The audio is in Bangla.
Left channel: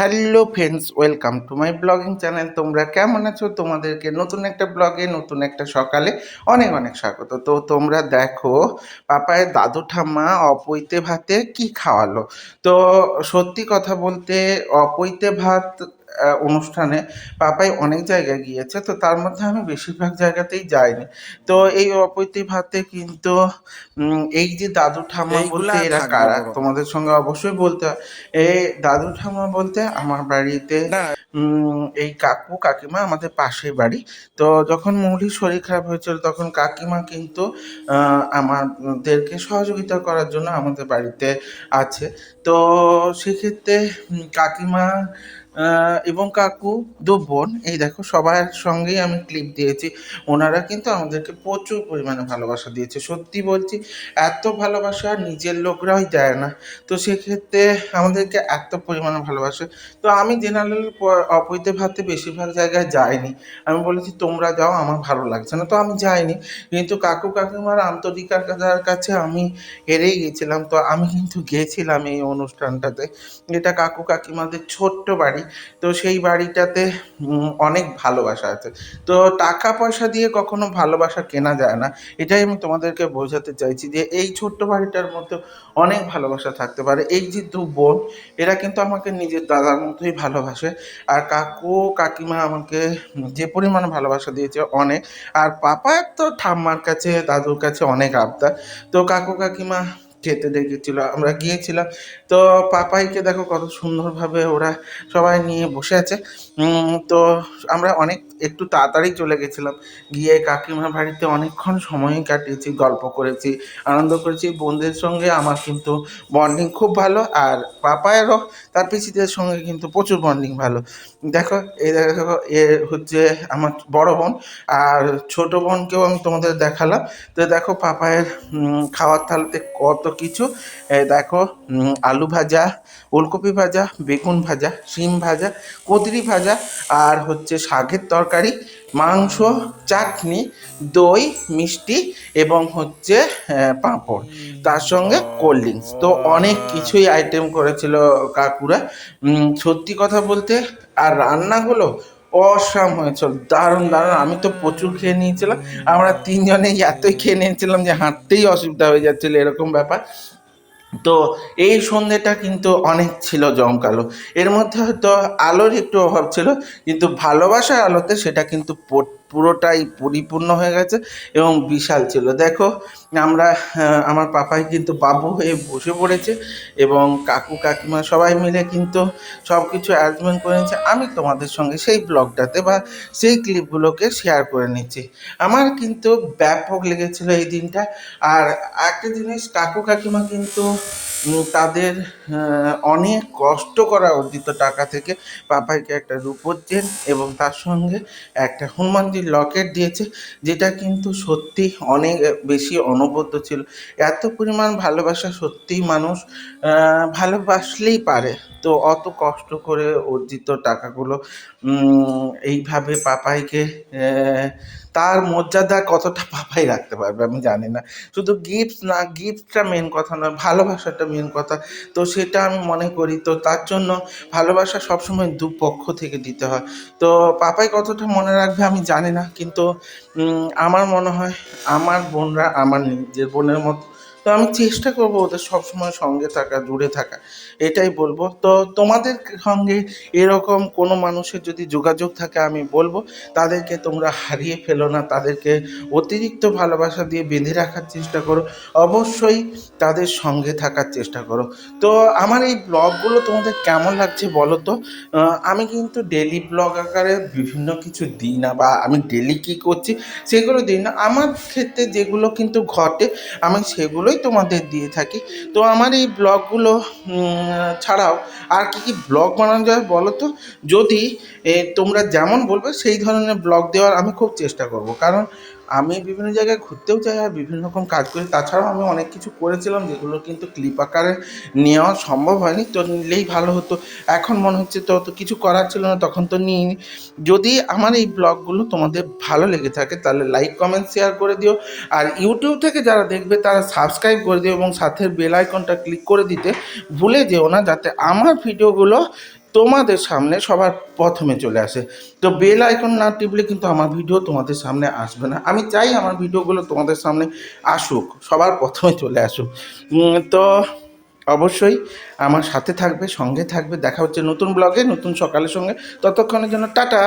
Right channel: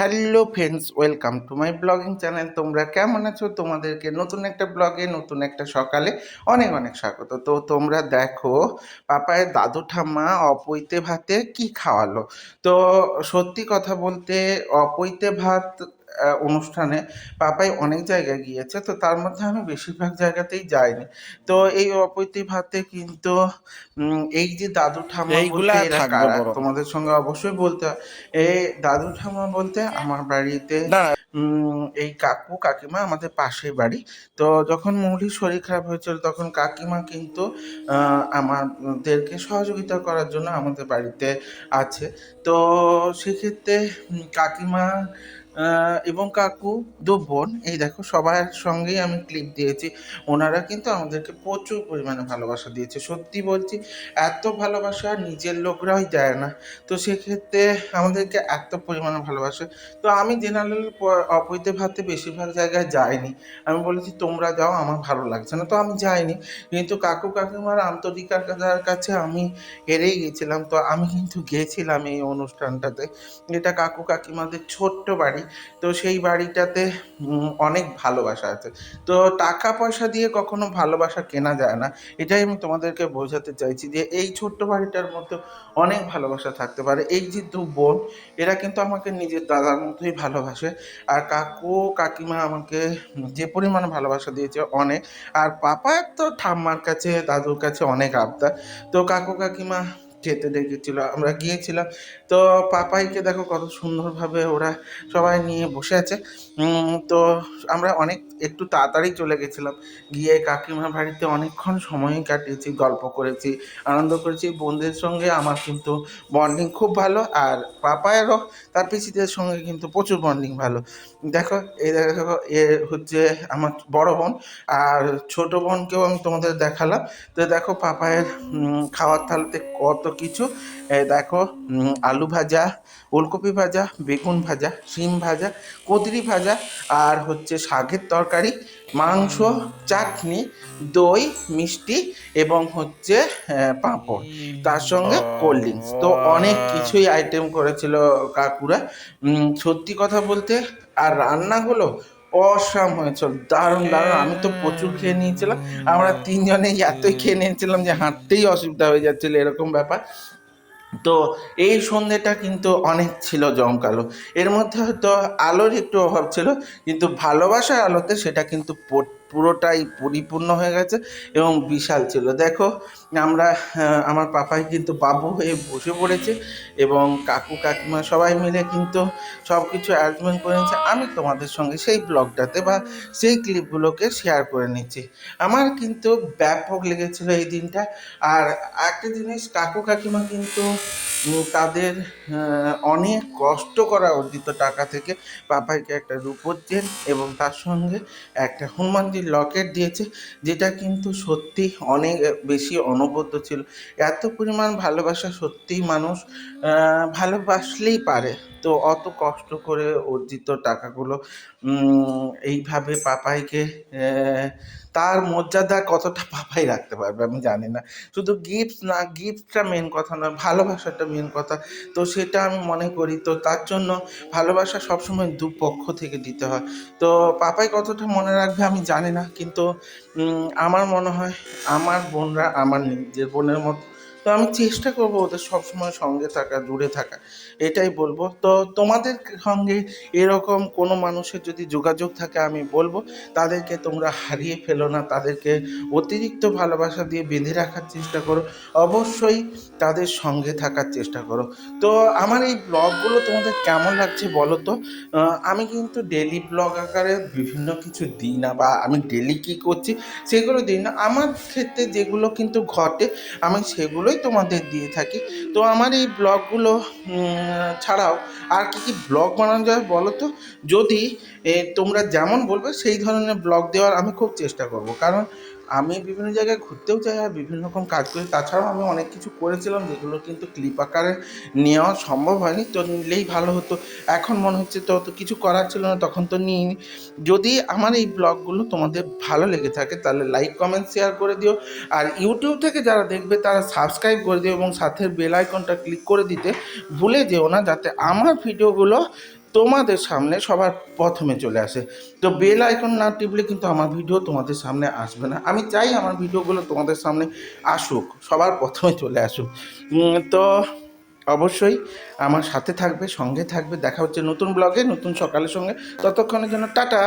Hello friends welcome to my blogging channel তোমরা কেমন আছো? তোমাদেরকে নতুন একটা ব্লগে নতুন একটা সকালে অনেক অনেক স্বাগত। তো তোমরা দেখো পাপায় দাদু ঠাম্মা অপৈতে ভাতে কি খাওয়ালো? তো সত্যি কথা বলতে, অপৈতে ভাত অনুষ্ঠানে পাপাই অনেক জায়গায় গিয়েছে তো তার মধ্যে আমি বেশিরভাগ জায়গাতেই যাইনি। তো এই অপৈতে ভাতে কিন্তু এই যে দাদু ঠাম্মা তোমাদের সঙ্গে অবশ্যই বলতে এই দাদু ঠাম্মা বলতে আমার বাড়িতে এই কাকু কাকিমা আমাদের পাশের বাড়ি। তো যখন মৌলির শরীর খারাপ হয়েছিল তখন কাকিমা কিন্তু আমাদেরকে সহযোগিতা করার জন্য আমাদের বাড়িতে আছে। তো সেক্ষেত্রে কাকিমা এবং কাকু দু বোন, এই দেখো সবার সঙ্গেই আমি ক্লিপ দিয়েছি। ওনারা কিন্তু আমাদেরকে প্রচুর পরিমাণে ভালোবাসা দিয়েছে। সত্যি বলছি, এত ভালোবাসা নিজের লোকরাই দেয় না। তো সেক্ষেত্রে আমাদেরকে এত পরিমাণে ভালোবাসে। তো আমি জেনারেল অপৈতে ভাতে বেশিরভাগ জায়গায় যাইনি। আমি বলেছি, তোমরা যাও, আমার ভালো লাগছে না। তো আমি যাইনি। কিন্তু কাকু কাকিমার আন্তরিকতার কাছে আমি হেরেই গেছিলাম। তো আমি কিন্তু গেছিলাম এই অনুষ্ঠানটাতে। এটা কাকু কাকিমাদের ছোট্ট বাড়ি। তো সেই বাড়িটাতে অনেক ভালোবাসা আছে। তো টাকা পয়সা দিয়ে কখনো ভালোবাসা কেনা যায় না। এটাই আমি তোমাদেরকে বোঝাতে চাইছি যে, এই ছোট্ট বাড়িটার মধ্যে অনেক ভালোবাসা থাকতে পারে। এই যে দু বোন, এরা কিন্তু আমাকে নিজের দাদার মতোই ভালোবাসে। আর কাকু কাকিমা আমাকে যে পরিমাণ ভালোবাসা দিয়েছে অনেক। আর পাপা তো ঠাম্মার কাছে, দাদুর কাছে অনেক আবদার। তো কাকু কাকিমা খেতে দেখেছিল, আমরা গিয়েছিলাম। তো পাপাইকে দেখো কত সুন্দরভাবে ওরা সবাই নিয়ে বসে আছে। তো আমরা অনেক একটু তাড়াতাড়ি চলে গেছিলাম। গিয়ে কাকিমার বাড়িতে অনেকক্ষণ সময় কাটিয়েছি, গল্প করেছি, আনন্দ করেছি। বোনদের সঙ্গে আমার কিন্তু বন্ডিং খুব ভালো আর পাপায়েরও, তার পিসিদের সঙ্গে কিন্তু প্রচুর বন্ডিং ভালো। দেখো এই দেখো, এ হচ্ছে আমার বড় বোন আর ছোট বোনকেও আমি তোমাদের দেখালাম। তো দেখো, পাপায়ের খাওয়ার থালাতে কত কিছু। দেখো আলু ভাজা, ওলকপি ভাজা, বেগুন ভাজা, শিম ভাজা কুঁদরি ভাজা আর হচ্ছে শাকের তরকারি মাংস, চাটনি, দই, মিষ্টি এবং হচ্ছে পাঁপড়। তার সঙ্গে কোল্ড ড্রিঙ্কস তো অনেক কিছুই আইটেম করেছিল কাকুরা। সত্যি কথা বলতে আর রান্না হলো অসাম হয়েছিল দারুণ দারুণ। আমি তো প্রচুর খেয়ে নিয়েছিলাম। আমরা তিনজনেই এতই খেয়ে নিয়েছিলাম যে হাঁটতেই অসুবিধা হয়ে যাচ্ছিল, এরকম ব্যাপার। তো এই সন্ধেটা কিন্তু অনেক ছিল জমকালো। এর মধ্যে হয়তো আলোর একটু অভাব ছিল, কিন্তু ভালোবাসার আলোতে সেটা কিন্তু পুরোটাই পরিপূর্ণ হয়ে গেছে এবং বিশাল ছিল। দেখো, আমরা আমার পাপাই কিন্তু বাবু হয়ে বসে পড়েছে এবং কাকু, কাকিমা সবাই মিলে কিন্তু সব কিছু অ্যারেঞ্জমেন্ট করে নিচ্ছে আমি তোমাদের সঙ্গে সেই ব্লগটাতে বা সেই ক্লিপগুলোকে শেয়ার করে নিচ্ছি। আমার কিন্তু ব্যাপক লেগেছিল এই দিনটা। আর একটা জিনিস, কাকু, কাকিমা কিন্তু তাদের অনেক কষ্ট করা অর্জিত টাকা থেকে পাপাইকে একটা রূপোর চেন এবং তার সঙ্গে একটা হনুমানজির লকেট দিয়েছে, যেটা কিন্তু সত্যি অনেক বেশি অনবদ্য ছিল। এত পরিমাণ ভালোবাসা সত্যিই মানুষ ভালোবাসলেই পারে। তো অত কষ্ট করে অর্জিত টাকাগুলো এইভাবে পাপাইকে তার মর্যাদা কতটা পাপাই রাখতে পারবে আমি জানি না। শুধু গিফট না গিফটটা মেন কথা নয়, ভালোবাসাটা মেন কথা। তো সেটা আমি মনে করি, তো তার জন্য ভালোবাসা সবসময় দুপক্ষ থেকে দিতে হয়। তো পাপাই কতটা মনে রাখবে আমি জানি না, কিন্তু আমার মনে হয় আমার বোনরা, আমার নিজের বোনের মতো তো আমি চেষ্টা করব ওদের সবসময় সঙ্গে থাকা, দূরে থাকা। এটাই বলব। তো তোমাদের সঙ্গে এরকম কোনো মানুষের যদি যোগাযোগ থাকে, আমি বলব, তাদেরকে তোমরা হারিয়ে ফেলো না। তাদেরকে অতিরিক্ত ভালোবাসা দিয়ে বেঁধে রাখার চেষ্টা করো। অবশ্যই তাদের সঙ্গে থাকার চেষ্টা করো। তো আমার এই ব্লগগুলো তোমাদের কেমন লাগছে বলো তো? আমি কিন্তু ডেলি ব্লগ আকারে বিভিন্ন কিছু দিই না, বা আমি ডেলি কী করছি সেগুলো দিই না। আমার ক্ষেত্রে যেগুলো কিন্তু ঘটে, আমি সেগুলোই তোমাদের দিয়ে থাকি। তো আমার এই ব্লগগুলো ছাড়াও আর কি কি ব্লগ বানানো যায় বলো তো? যদি তোমরা যেমন বলবে সেই ধরনের ব্লগ দেওয়ার আমি খুব চেষ্টা করব। কারণ আমি বিভিন্ন জায়গায় ঘুরতেও যাই আর বিভিন্ন রকম কাজ করি। তাছাড়াও আমি অনেক কিছু করেছিলাম যেগুলো কিন্তু ক্লিপ আকারে নেওয়া সম্ভব হয়নি। তো নিলেই ভালো হতো। এখন মনে হচ্ছে তো তো কিছু করার ছিল না, তখন তো নিইনি। যদি আমার এই ব্লগগুলো তোমাদের ভালো লেগে থাকে, তাহলে লাইক কমেন্ট শেয়ার করে দিও। আর ইউটিউব থেকে যারা দেখবে, তারা সাবস্ক্রাইব করে দিও এবং সাথে বেল আইকনটা ক্লিক করে দিতে ভুলে যেও না, যাতে আমার ভিডিওগুলো তোমাদের সামনে সবার প্রথমে চলে আসে। তো বেল আইকন না টিপলে কিন্তু আমার ভিডিও তোমাদের সামনে আসবে না। আমি চাই আমার ভিডিওগুলো তোমাদের সামনে আসুক, সবার প্রথমে চলে আসুক। তো অবশ্যই আমার সাথে থাকবে, সঙ্গে থাকবে। দেখা হচ্ছে নতুন ব্লগে নতুন সকালের সঙ্গে। ততক্ষণের জন্য টাটা!